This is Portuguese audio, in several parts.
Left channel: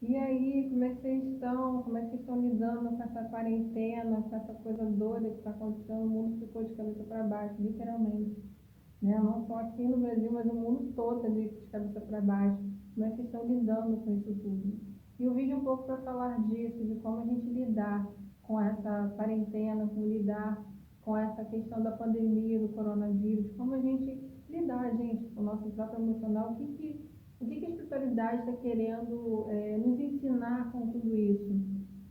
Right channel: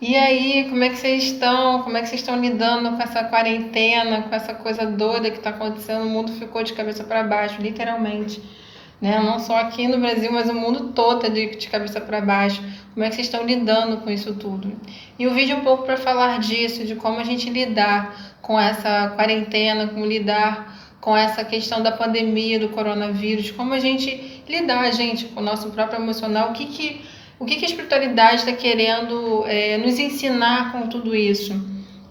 E aí, como é que vocês estão? Como é que vocês estão lidando com essa quarentena, com essa coisa doida que está acontecendo? O mundo ficou de cabeça para baixo, literalmente, né? Não só aqui no Brasil, mas o mundo todo está de cabeça para baixo. Como é que vocês estão lidando com isso tudo? E o vídeo é um pouco para falar disso, de como a gente lidar com essa quarentena, como lidar com essa questão da pandemia, do coronavírus, como a gente lidar, gente, com o nosso próprio emocional, o que a espiritualidade está querendo nos ensinar com tudo isso?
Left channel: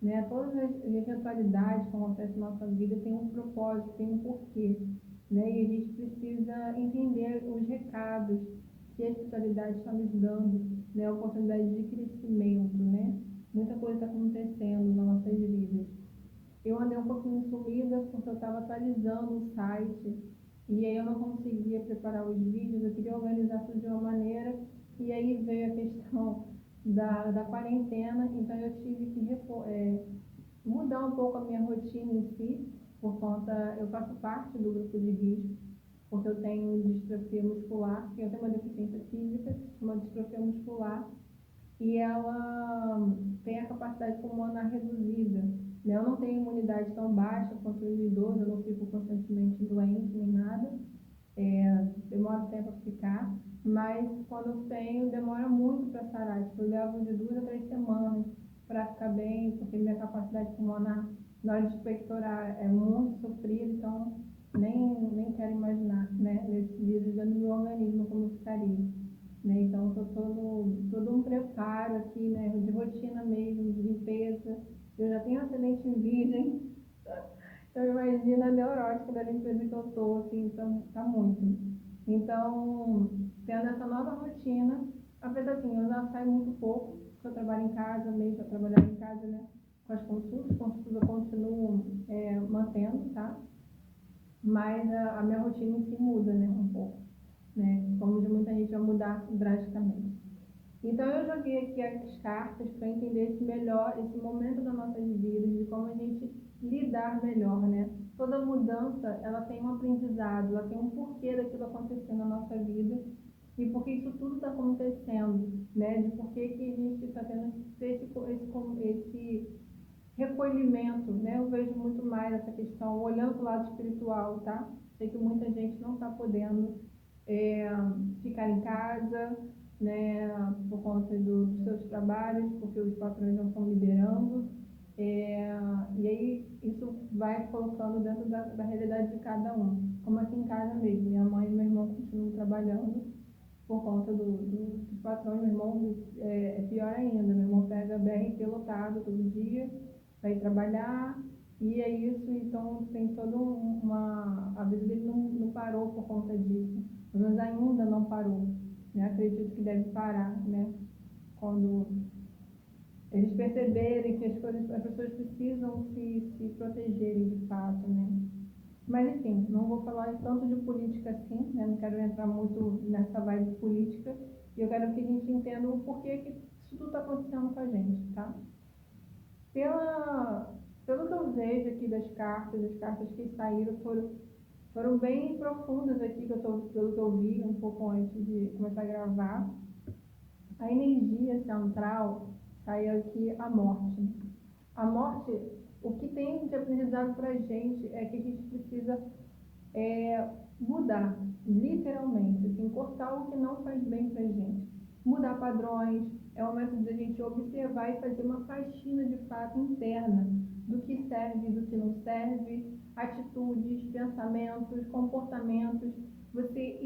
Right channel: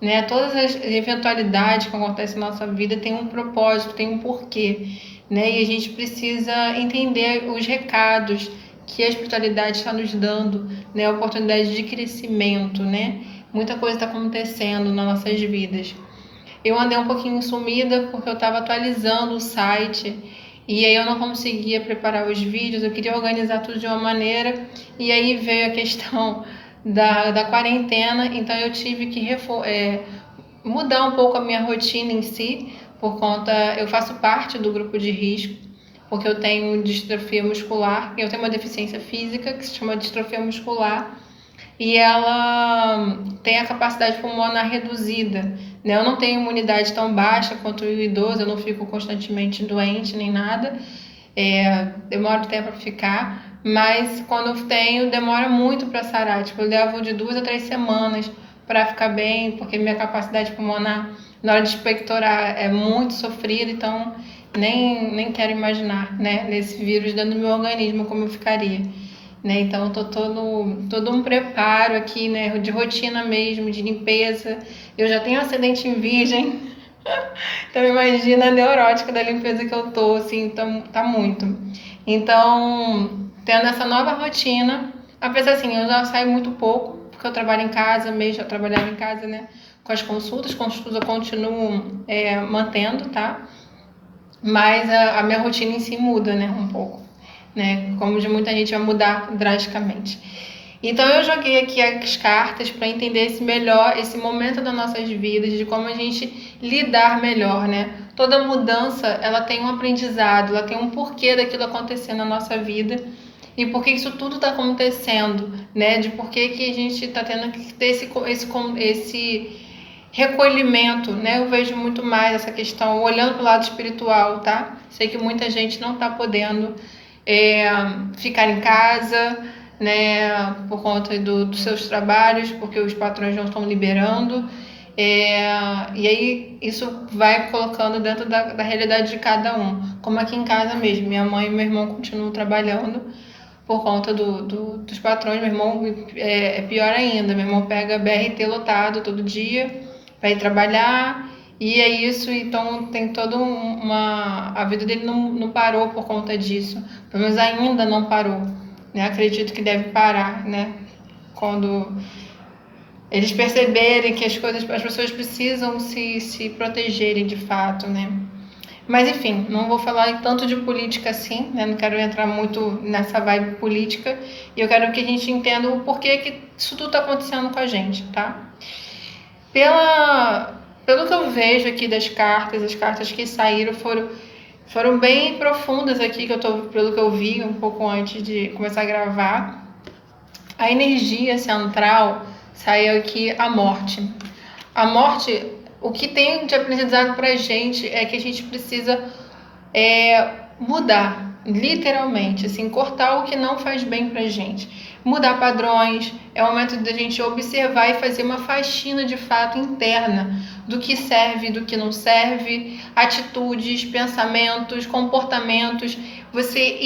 Né? Todas as eventualidades que acontecem na nossa vida têm um propósito, têm um porquê. Né? E a gente precisa entender os recados que a espiritualidade está nos dando, né? A oportunidade de crescimento. Né? Muita coisa está acontecendo nas nossas vidas. Eu andei um pouquinho sumida porque eu estava atualizando o site e aí eu não conseguia preparar os vídeos, eu queria organizar tudo de uma maneira e aí veio a questão da quarentena, então eu tive que mudar um pouco a minha rotina em si, por conta, eu faço parte do grupo de risco, porque eu tenho distrofia muscular, eu tenho uma deficiência física que se chama distrofia muscular, e ela tem a capacidade pulmonar reduzida. Né? Eu não tenho imunidade tão baixa quanto o idoso, eu não fico constantemente doente nem nada, demora tempo para ficar, mas quando eu tenho, demora muito para sarar. Tipo, eu levo de 2 a 3 semanas para ficar bem, porque minha capacidade pulmonar na hora de expectorar é muito sofrida, então nem quero imaginar, né, nesse vírus dentro do meu organismo como eu ficaria. Né? Então, eu tô todo um preparo aqui, né, de rotina mesmo, de limpeza. Eu já tenho acidente em virgem, então imagina a neurótica da limpeza que eu tô, assim, tá muito. Então, tendo essa nova rotina, apesar assim, eu já saio muito pouco, porque eu trabalho em casa mesmo, eu trabalhava em casa, né, com as consultas eu continuo mantendo, tá? Mas a minha rotina em si muda, né, um pouco, né? Como de muita gente vai mudar drasticamente. Então eu joguei aqui as cartas para entender esse momento das nossas vidas, de como a gente lidar melhor, né? Toda mudança, ela tem um aprendizado, ela tem um porquê daquilo acontecer na nossa vida e por que isso tudo está acontecendo, né? De por que a gente está tendo que ter esse recolhimento, né? Eu vejo muito mais essa questão olhando para o lado espiritual, tá? Sei que muita gente não está podendo é, ficar em casa, né? Por conta dos seus trabalhos, porque os patrões não estão liberando. E aí isso vai colocando dentro da realidade de cada um. Como aqui em casa mesmo, minha mãe e meu irmão continuam trabalhando por conta dos patrões. Meu irmão é pior ainda, meu irmão pega BRT lotado todo dia para ir trabalhar, e é isso. Então tem toda uma. A vida dele não parou por conta disso, pelo menos ainda não parou, né? Acredito que deve parar, né? Quando eles perceberem que as pessoas precisam se protegerem de fato, né? Mas enfim, não vou falar tanto de política assim, né? Não quero entrar muito nessa vibe política. E eu quero que a gente entenda o porquê que isso tudo está acontecendo com a gente, tá? Pelo que eu vejo aqui das cartas, as cartas que saíram foram bem profundas aqui, pelo que eu vi um pouco antes de começar a gravar. A energia central saiu aqui a morte. A morte, o que tem de aprendizado pra gente é que a gente precisa mudar, literalmente, assim, cortar o que não faz bem pra gente. Mudar padrões, é o momento da gente observar e fazer uma faxina de fato interna do que serve, do que não serve, atitudes, pensamentos, comportamentos, você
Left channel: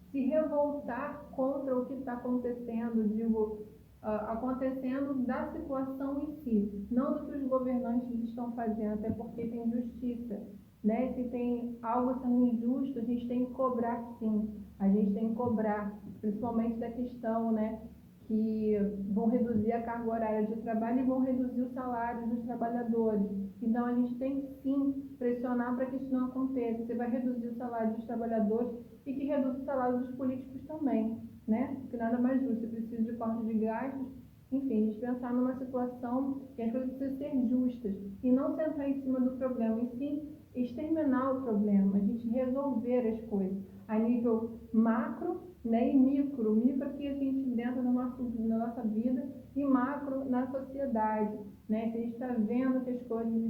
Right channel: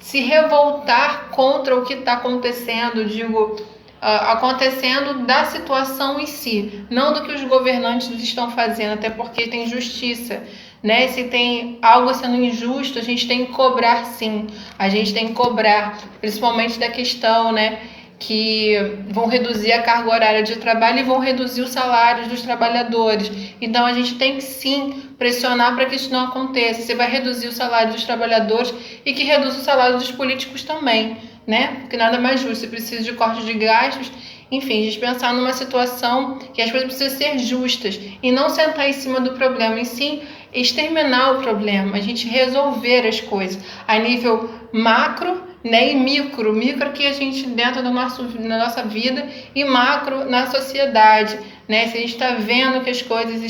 se revoltar contra o que está acontecendo, digo, acontecendo da situação em si, não do que os governantes estão fazendo, até porque tem justiça, né? Se tem algo sendo injusto, a gente tem que cobrar, sim, a gente tem que cobrar, principalmente da questão, né, que vão reduzir a carga horária de trabalho e vão reduzir os salários dos trabalhadores. Então a gente tem que sim pressionar para que isso não aconteça. Você vai reduzir o salário dos trabalhadores e que reduza o salário dos políticos também, né? Porque nada mais justo, você precisa de corte de gastos. Enfim, a gente pensar numa situação que as coisas precisam ser justas e não sentar em cima do problema, e sim exterminar o problema, a gente resolver as coisas a nível macro né? E micro que a gente dentro na nossa vida, e macro na sociedade, né? Se a gente está vendo que as coisas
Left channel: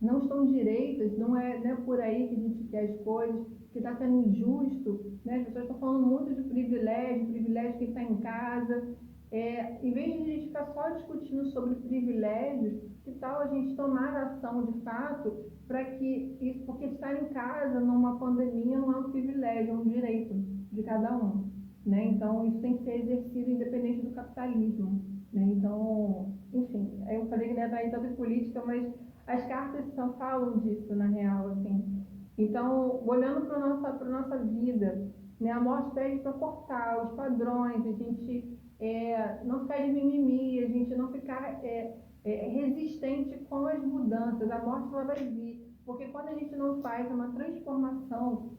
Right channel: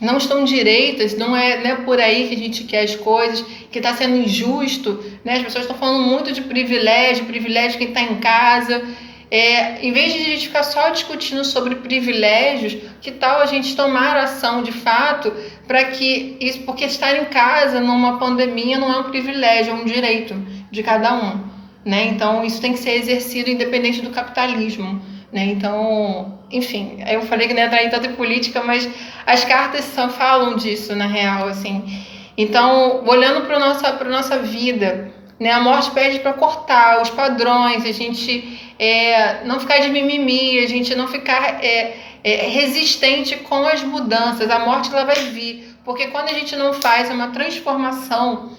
não estão direitas, não é por aí que a gente quer as coisas, que está sendo injusto, né? As pessoas estão falando muito de privilégio quem está em casa. Em vez de a gente ficar só discutindo sobre privilégios, que tal a gente tomar ação de fato para que isso, porque estar em casa numa pandemia não é um privilégio, é um direito de cada um, né? Então isso tem que ser exercido independente do capitalismo, né? Então, enfim, eu falei que não ia entrar em tanta política, mas as cartas falam disso na real, assim. Então, olhando para nossa vida, né? A morte pede para cortar os padrões, a gente não ficar de mimimi, a gente não ficar resistente com as mudanças. A morte ela vai vir, porque quando a gente não faz uma transformação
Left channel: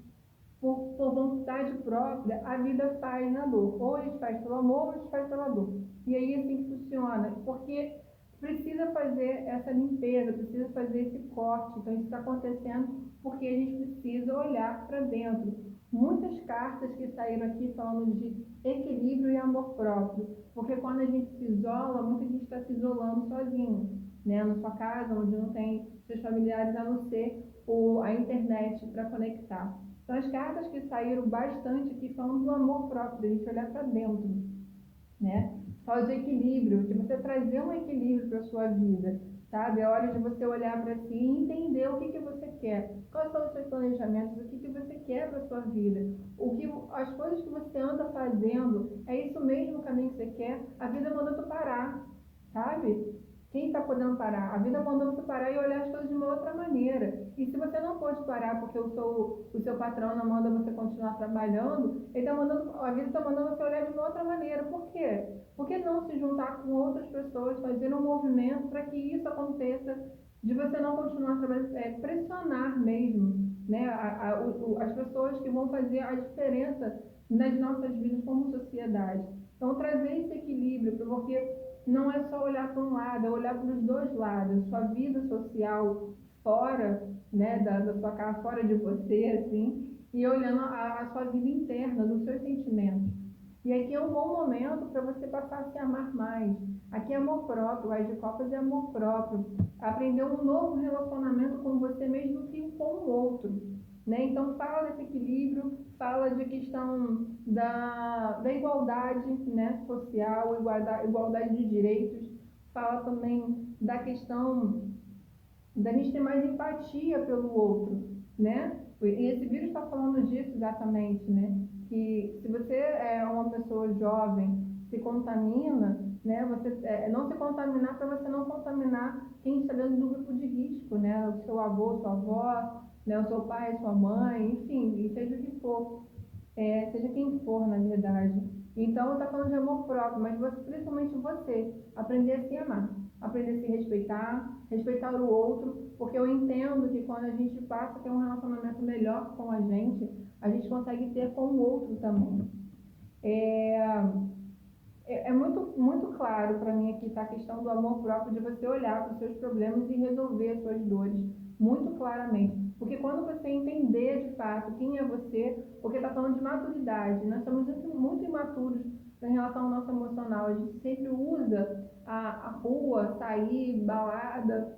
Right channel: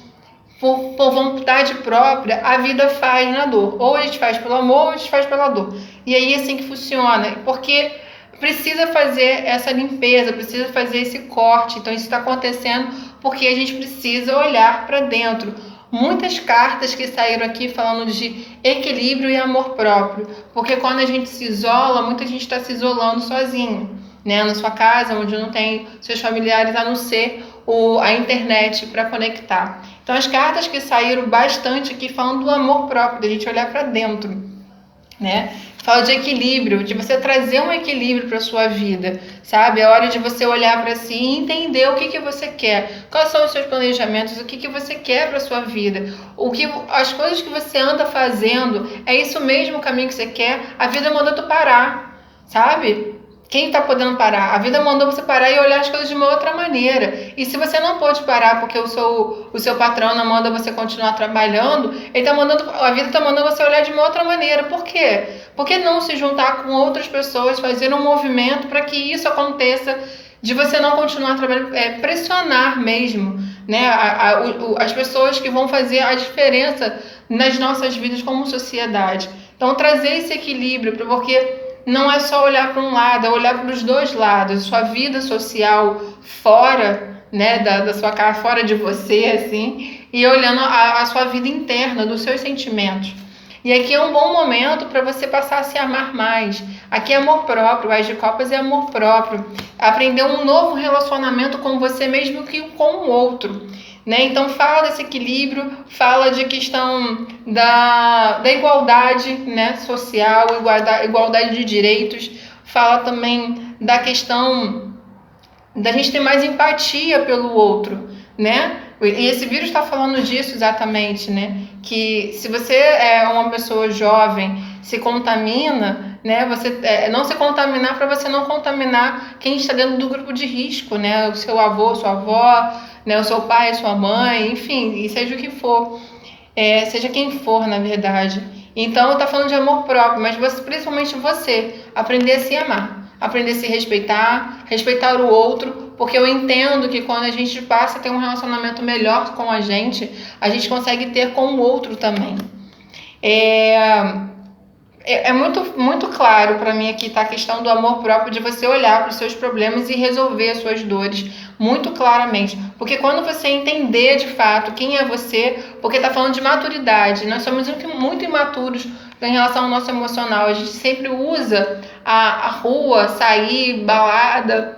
por vontade própria, a vida faz na dor. Ou a gente faz pelo amor, ou a gente faz pela dor. E aí é assim que funciona, porque precisa fazer essa limpeza, precisa fazer esse corte. Então isso está acontecendo porque a gente precisa olhar para dentro. Muitas cartas que saíram aqui falando de equilíbrio e amor próprio, porque quando a gente se isola, muita gente está se isolando sozinho, né? Na sua casa, onde não tem seus familiares, a não ser a internet para conectar. Então as cartas que saíram bastante aqui falando do amor próprio, da gente olhar para dentro, né? Fala de equilíbrio, de você trazer um equilíbrio para sua vida, sabe? É hora de você olhar para si e entender o que você quer, quais são os seus planejamentos, o que você quer para sua vida, as coisas que você anda fazendo, é isso mesmo o caminho que você quer? A vida mandou tu parar, sabe? Quem está podendo parar? A vida mandou você parar e olhar as coisas de uma outra maneira. E se você não pode parar porque o seu patrão não manda você continuar trabalhando, a vida está mandando você olhar de uma outra maneira. Por quê? Por que não se juntar com outras pessoas, fazer um movimento para que isso aconteça, de você não continuar trabalhando, pressionar mesmo, né? As pessoas que vão fazer a diferença nas nossas vidas como sociedade. Então, trazer esse equilíbrio, porque não é só olhar para um lado, é olhar para os dois lados. Sua vida social fora, né, da sua casa, fora de você, assim, e olhando a sua vida interna, dos seus sentimentos. E aqui é um bom momento para você passar a se amar mais. Aqui é amor próprio, As de Copas é amor próprio. Aprender um novo relacionamento com você mesmo que com o outro. Né? Então fala desse equilíbrio, fala de questão da igualdade, né, social, igualdade de direitos, fala também da questão da gente ter mais empatia pelo outro, né? E esse vírus está falando disso exatamente, né? Que se você é uma pessoa jovem, se contamina, né? Você não se contaminar para você não contaminar quem está dentro do grupo de risco, né? O seu avô, sua avó, né? O seu pai, sua mãe, enfim, e seja o que for, seja quem for, na verdade. Então, está falando de amor próprio, mas principalmente você, aprender a se amar. Aprender a se respeitar o outro, porque eu entendo que quando a gente passa a ter um relacionamento melhor com a gente consegue ter com o outro também. É muito, muito claro para mim aqui tá a questão do amor próprio, de você olhar para os seus problemas e resolver as suas dores muito claramente. Porque quando você entender de fato quem é você, porque tá falando de maturidade, nós somos muito imaturos em relação ao nosso emocional. A gente sempre usa a rua, sair, balada,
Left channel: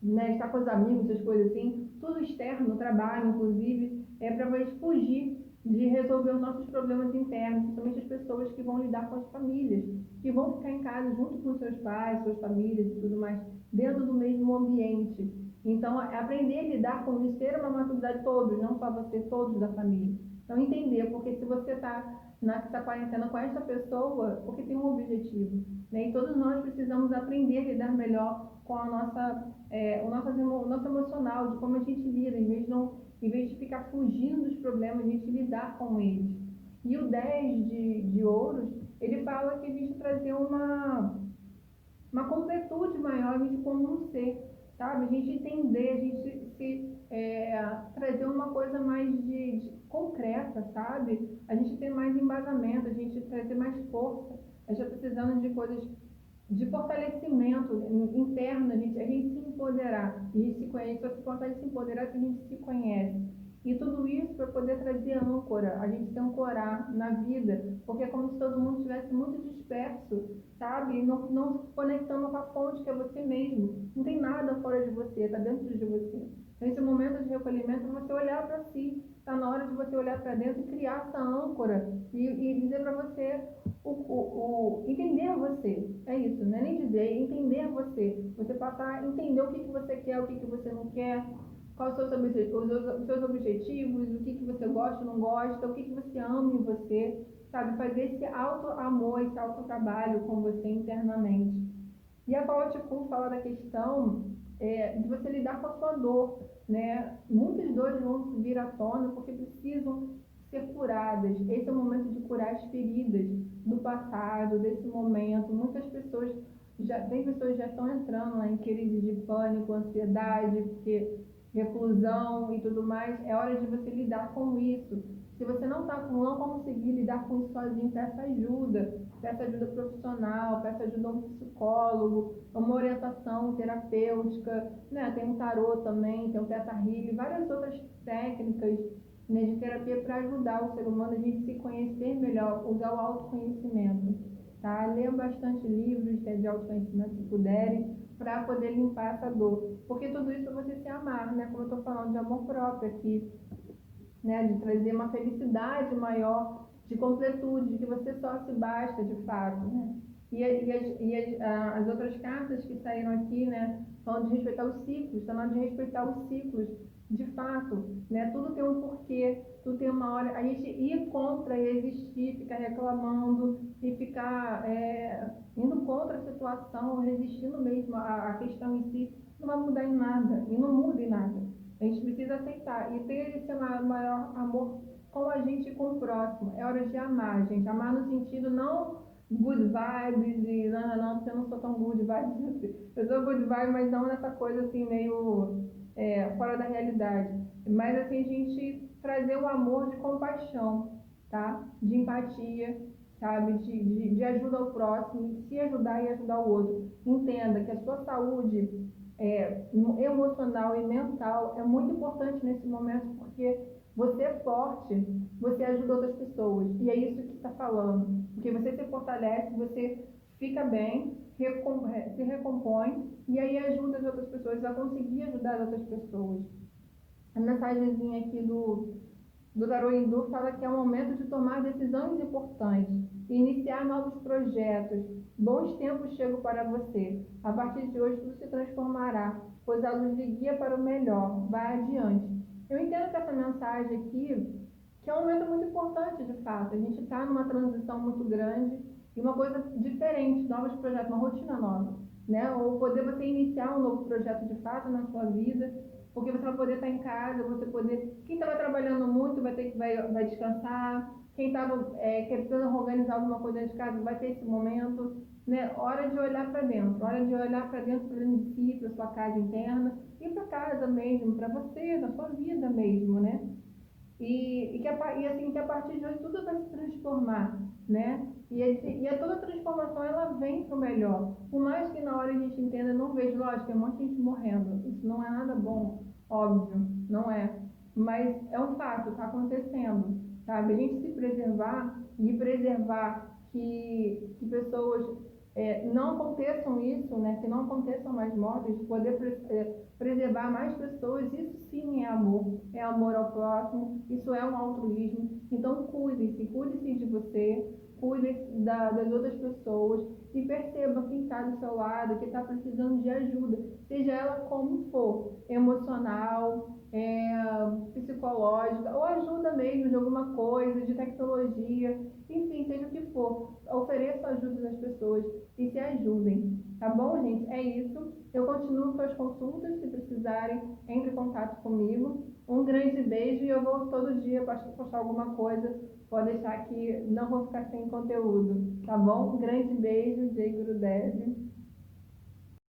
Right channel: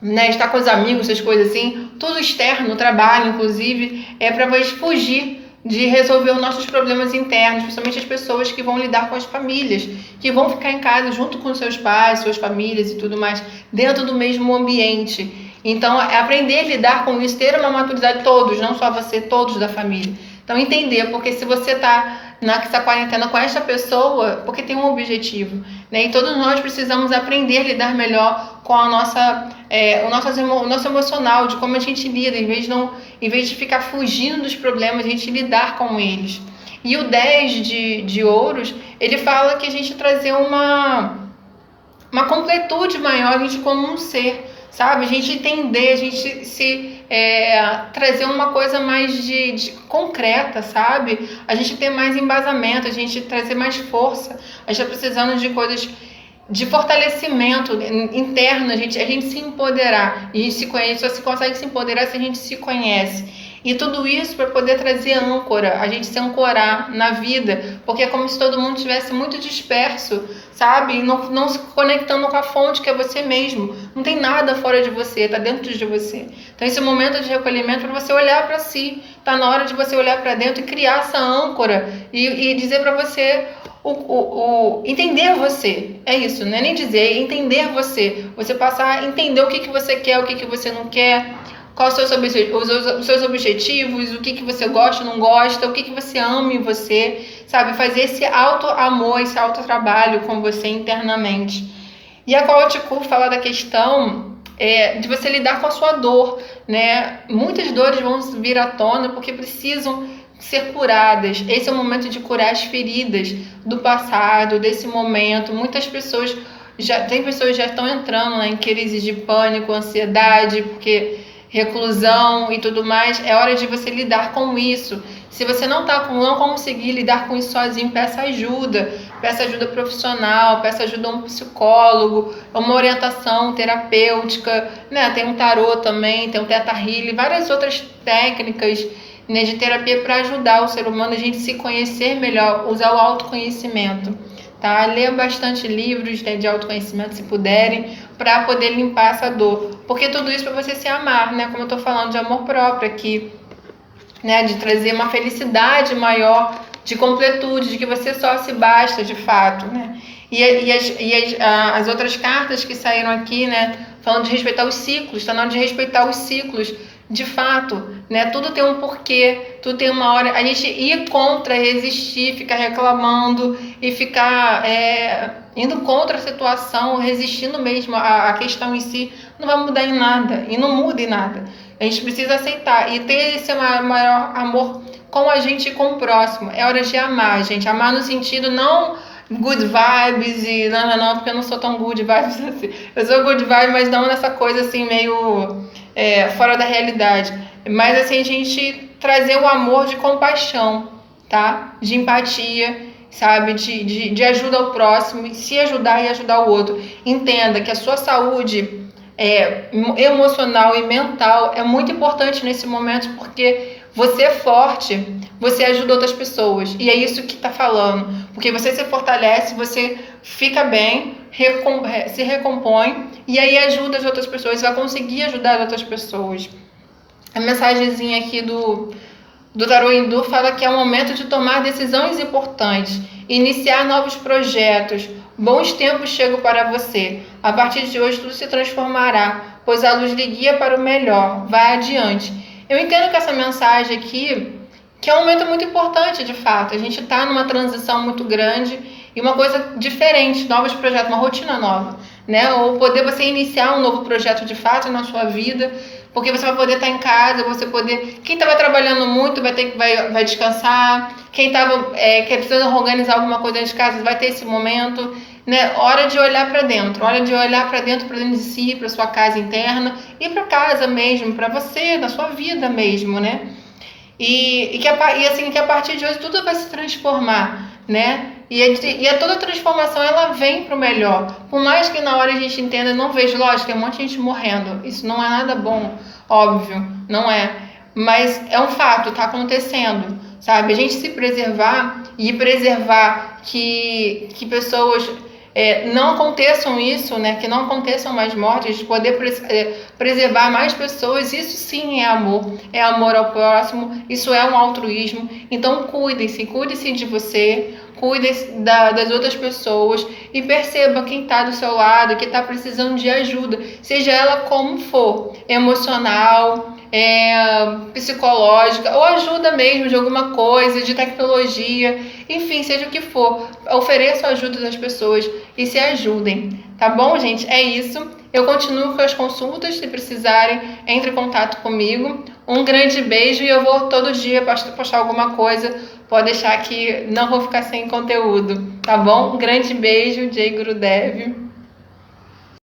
né, estar com os amigos, essas coisas assim, tudo externo, trabalho, inclusive, para fugir de resolver os nossos problemas internos, principalmente as pessoas que vão lidar com as famílias, que vão ficar em casa junto com seus pais, suas famílias e tudo mais, dentro do mesmo ambiente. Então, é aprender a lidar com isso, ter uma maturidade, todos, não só você, todos da família. Então, entender, porque se você está nessa quarentena com essa pessoa, porque tem um objetivo, né? E todos nós precisamos aprender a lidar melhor com o nosso emocional, de como a gente lida, em vez de ficar fugindo dos problemas, a gente lidar com eles. E o 10 de ouros, ele fala que a gente trazer uma completude maior, a gente como um ser, sabe? A gente entender, a gente trazer uma coisa mais de concreta, sabe? A gente ter mais embasamento, a gente trazer mais força. A gente está precisando de coisas de fortalecimento interno, a gente se empoderar. A gente se conhece, só se consegue se empoderar se a gente se conhece. E tudo isso para poder trazer âncora, a gente se ancorar na vida, porque é como se todo mundo estivesse muito disperso, sabe? E não se conectando com a fonte que é você mesmo. Não tem nada fora de você, está dentro de você. Então esse momento de recolhimento é para você olhar para si. Está na hora de você olhar para dentro e criar essa âncora e dizer para você entender você. É isso, não é nem dizer, é entender você. Você passar a entender o que você quer, o que você não quer, quais são os seus objetivos, o que você gosta, não gosta, o que você ama em você, sabe? Fazer esse auto-amor, esse auto-trabalho com você internamente. E a Coach Cur fala da questão de você lidar com a sua dor, né? Muitas dores vão vir à tona porque precisam ser curadas. Esse é o momento de curar as feridas do passado, desse momento. Muitas pessoas já estão entrando, né, em crises de pânico, ansiedade, porque reclusão e tudo mais. É hora de você lidar com isso. Se você não conseguir lidar com isso sozinho, peça ajuda profissional, peça ajuda a um psicólogo, uma orientação terapêutica, né? Tem um tarô também, tem um Theta Healing, várias outras técnicas, né, de terapia para ajudar o ser humano a gente se conhecer melhor, usar o autoconhecimento, tá? Leia bastante livros, né, de autoconhecimento, se puderem, para poder limpar essa dor, porque tudo isso para você se amar, né? Como eu tô falando de amor próprio aqui, né, de trazer uma felicidade maior, de completude, de que você só se basta de fato, né? As outras cartas que saíram aqui, né, falando de respeitar os ciclos, está na hora de respeitar os ciclos, de fato, né? Tudo tem um porquê, tudo tem uma hora. A gente ir contra, resistir, ficar reclamando e ficar indo contra a situação, resistindo mesmo à questão em si, não vai mudar em nada e não muda em nada. A gente precisa aceitar e ter esse maior amor com a gente e com o próximo. É hora de amar, gente. Amar no sentido não good vibes e não, porque eu não sou tão good vibes assim. Eu sou good vibes, mas não nessa coisa assim meio fora da realidade. Mas assim, a gente trazer o amor de compaixão, tá? De empatia, sabe? De ajuda ao próximo, se ajudar e ajudar o outro. Entenda que a sua saúde emocional e mental é muito importante nesse momento, porque você é forte, você ajuda outras pessoas, e é isso que está falando, porque você se fortalece, você fica bem, se recompõe, e aí ajuda as outras pessoas, vai conseguir ajudar as outras pessoas. A mensagenzinha aqui do Tarô Hindu fala que é o momento de tomar decisões importantes, iniciar novos projetos. Bons tempos chegam para você. A partir de hoje tudo se transformará, pois a luz lhe guia para o melhor. Vai adiante. Eu entendo que essa mensagem aqui, que é um momento muito importante de fato. A gente está numa transição muito grande e uma coisa diferente, novos projetos, uma rotina nova, né? Ou poder você iniciar um novo projeto de fato na sua vida, porque você vai poder estar em casa, você poder... Quem estava trabalhando muito vai descansar, quem estava precisando organizar alguma coisa dentro de casa vai ter esse momento, né? Hora de olhar para dentro, para dentro de si, para sua casa interna e para casa mesmo, para você, na sua vida mesmo, né? E que a partir de hoje tudo vai se transformar, né? E toda transformação ela vem para o melhor. Por mais que na hora a gente entenda, não vejo, lógico, tem um monte de gente morrendo. Isso não é nada bom, óbvio, não é. Mas é um fato, está acontecendo, sabe? A gente se preservar e preservar que pessoas não aconteçam isso, né? Que não aconteçam mais mortes, poder preservar mais pessoas, isso sim é amor ao próximo, isso é um altruísmo. Então cuide-se de você, cuide das outras pessoas e perceba quem está do seu lado, que está precisando de ajuda, seja ela como for, emocional, psicológica, ou ajuda mesmo de alguma coisa, de tecnologia, enfim, seja o que for, ofereça ajuda às pessoas e se ajudem, tá bom, gente? É isso. Eu continuo com as consultas, se precisarem, entre em contato comigo. Um grande beijo e eu vou todo dia postar alguma coisa, pode deixar que não vou ficar sem conteúdo, tá bom? Um grande beijo, Jai Gurudev.